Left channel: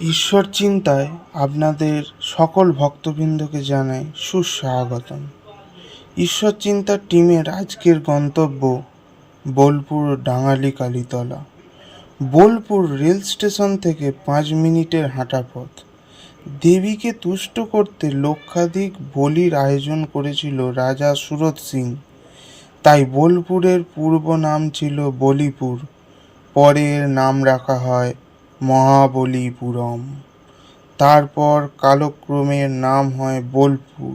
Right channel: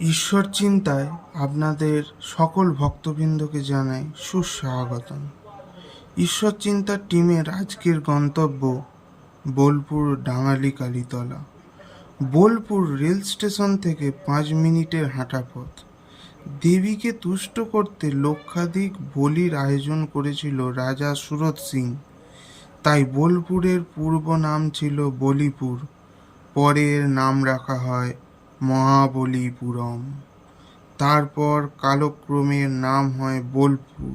ঈশ্বর চিন্তায় আপনাদের সকল ভক্তবৃন্দকে জানাই সুস্বাগতম। ঈশ্বর চিন্তার টিমের আজকের গন্তব্য বোলপুর ডাঙালি কালীতলা। বোলপুর রেল স্টেশন থেকে 5 মিনিটের হাঁটা পথ। দেবীকে তুষ্ট করতে লক্ষাধিক বলির আয়োজন করেছিল রাজা সুরত সিং। তাই বোলপুরের পূর্ব নাম ছিল বলিপুর, পরে এর নাম রাখা হয় মহাবলীপুরম। তারপর কালক্রমে এর নাম হয় বোলপুর,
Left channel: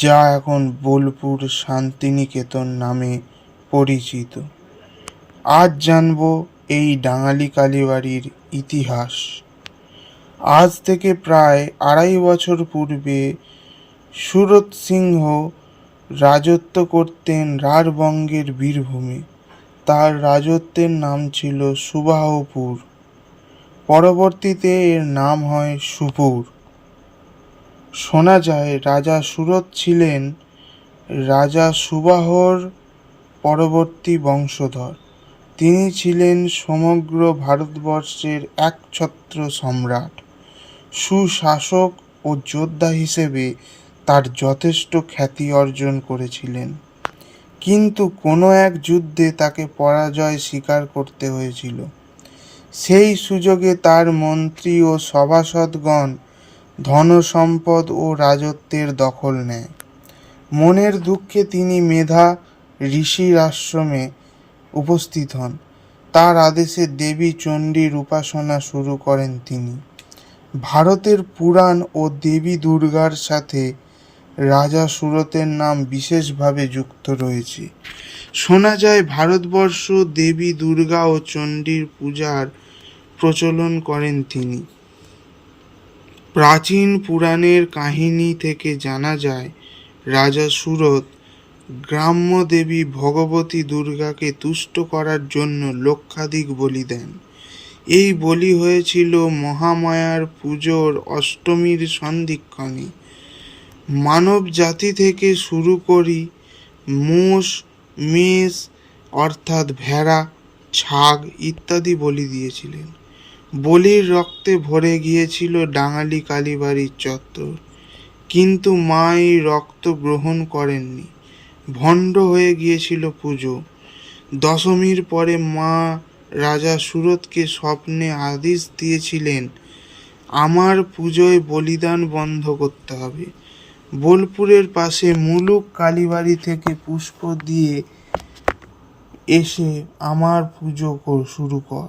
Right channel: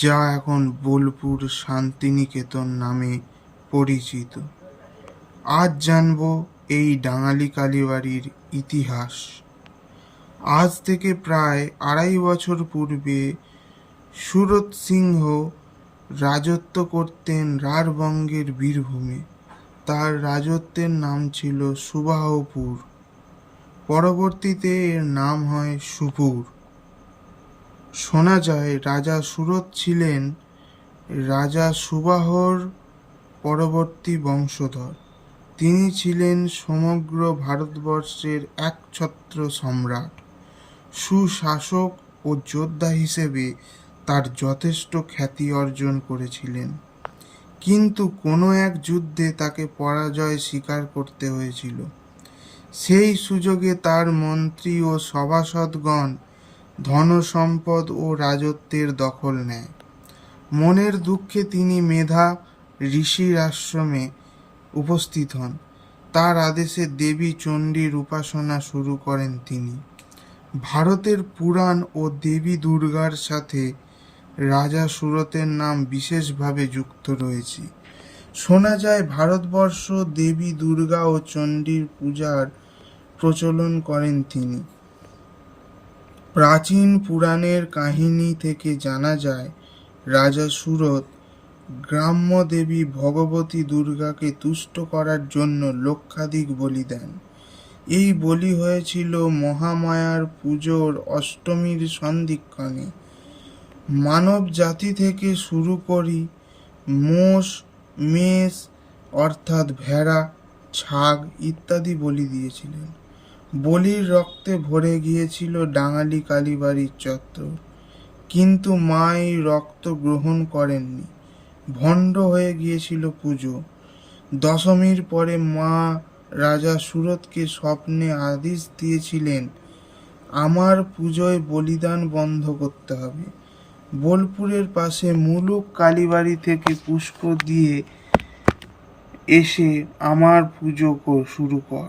যা এখন বোলপুর শান্তিনিকেতন নামে পরিচিত। আজ জানব এই ডাঙালি কালীবাড়ির ইতিহাস। আজ থেকে প্রায় 2.5 বছর পূর্বে সুরত সিংহ রাজত্ব করতেন রাঢ়বঙ্গের বীরভূমে। তার রাজত্বের নাম ছিল সুবাহপুর। পরবর্তীতে এর নাম হয় সুপুর। শোনা যায় রাজা সুরত ছিলেন রাজা সুবাহর পরবর্তী বংশধর। তিনি ছিলেন সমগ্র ভারতবর্ষের একছত্র সম্রাট। সুশাসক ও যোদ্ধা হিসেবে তার যথেষ্ট খ্যাতি অর্জন করেছিলেন, কিন্তু কোনো এক যুদ্ধে তাকে পরাজয় স্বীকার করতে হয়েছিল। সেই সুযোগে তার মন্ত্রী ও সভাসদগণ ধনসম্পদ ও রাজত্বের দখল নেয়। মনের দুঃখে তিনি মেধা ঋষির আশ্রমে উপস্থিত হন। তার আদেশে দেবী চণ্ডীর উপাসনা শুরু করেন তিনি। ভারতের পুরাণ ও দেবী দুর্গার সাথে রাজা সুরতের নাম বিশেষভাবে যুক্ত রয়েছে। শোনা যায় ভারতবর্ষ দেবী দুর্গা ও চণ্ডীর পূজার প্রচলন করেন তিনি। প্রাচীন পুরাণের কাহিনী থেকে জানা যায় রাজা সুরত গ্রাম্য দেবী ভগবতী দুর্গাকে তুষ্ট করার জন্য লক্ষাধিক বলি দেন। এই বলি হয়েছিল মহামায়ার পুজোর অষ্টমীর সন্ধিক্ষণে। মানব জাতি থেকে শুরু করি মোষ, মেষ অর্থাৎ ভেড়া, ছাগ ইত্যাদি বলি দিয়েছিলেন। বলির রক্তে ভরে গিয়েছিল ডাঙালি কালীবাড়ির চত্বর, কিন্তু মা এই রক্ত গ্রহণ করেননি। ভণ্ড হয়ে গিয়েছিল পুজো। দশমীর পরে মা রাজা সুরতকে স্বপ্নে আদেশ দিয়েছিলেন, আমার পুজোয় বলিদান বন্ধ করতে হবে। বোলপুরের পাশে মুলুক কালীবাড়ি থেকে পুষ্প দিয়ে এসে আমার পুজো শুরু কর।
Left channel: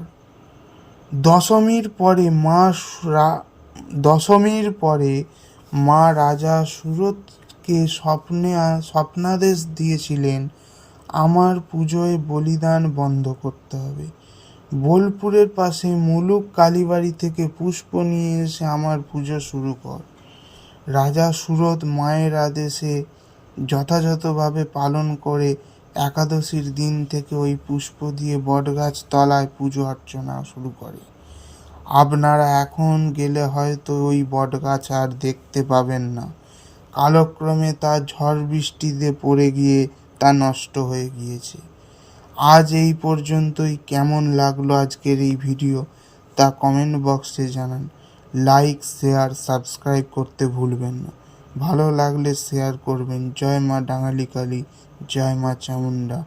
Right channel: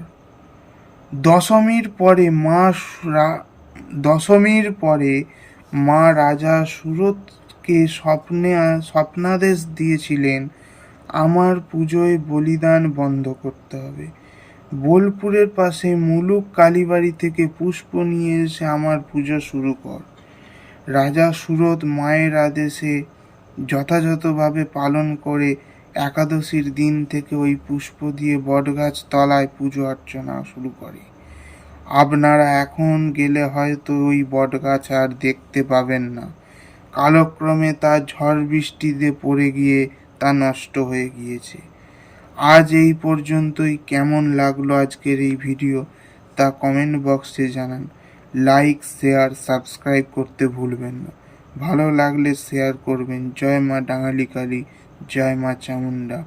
দশমীর পরে মা রাজা সুরতকে স্বপ্নাদেশ দিয়েছিলেন, আমার পুজোয় বলিদান বন্ধ করতে হবে। বোলপুরের পাশে মুলুক কালীবাড়ি থেকে পুষ্প নিয়ে এসে আমার পুজো শুরু কর। রাজা সুরত মায়ের আদেশে যথাযথভাবে পালন করে একাদশীর দিন থেকে ওই পুষ্প দিয়ে বটগাছ তলায় পুজো অর্চনা শুরু করে। আপনারা এখন গেলে হয়তো ওই বটগাছ আর দেখতে পাবেন না। কালক্রমে তা ঝড় বৃষ্টিতে পড়ে গিয়ে তা নষ্ট হয়ে গিয়েছে। আজ এই পর্যন্তই। কেমন লাগলো আজকের এই ভিডিও তা কমেন্ট বক্সে জানান। লাইক, শেয়ার, সাবস্ক্রাইব করতে ভুলবেন না। ভালো লাগলে শেয়ার করবেন। জয় মা ডাঙালি কালী, জয় মা চামুন্ডা।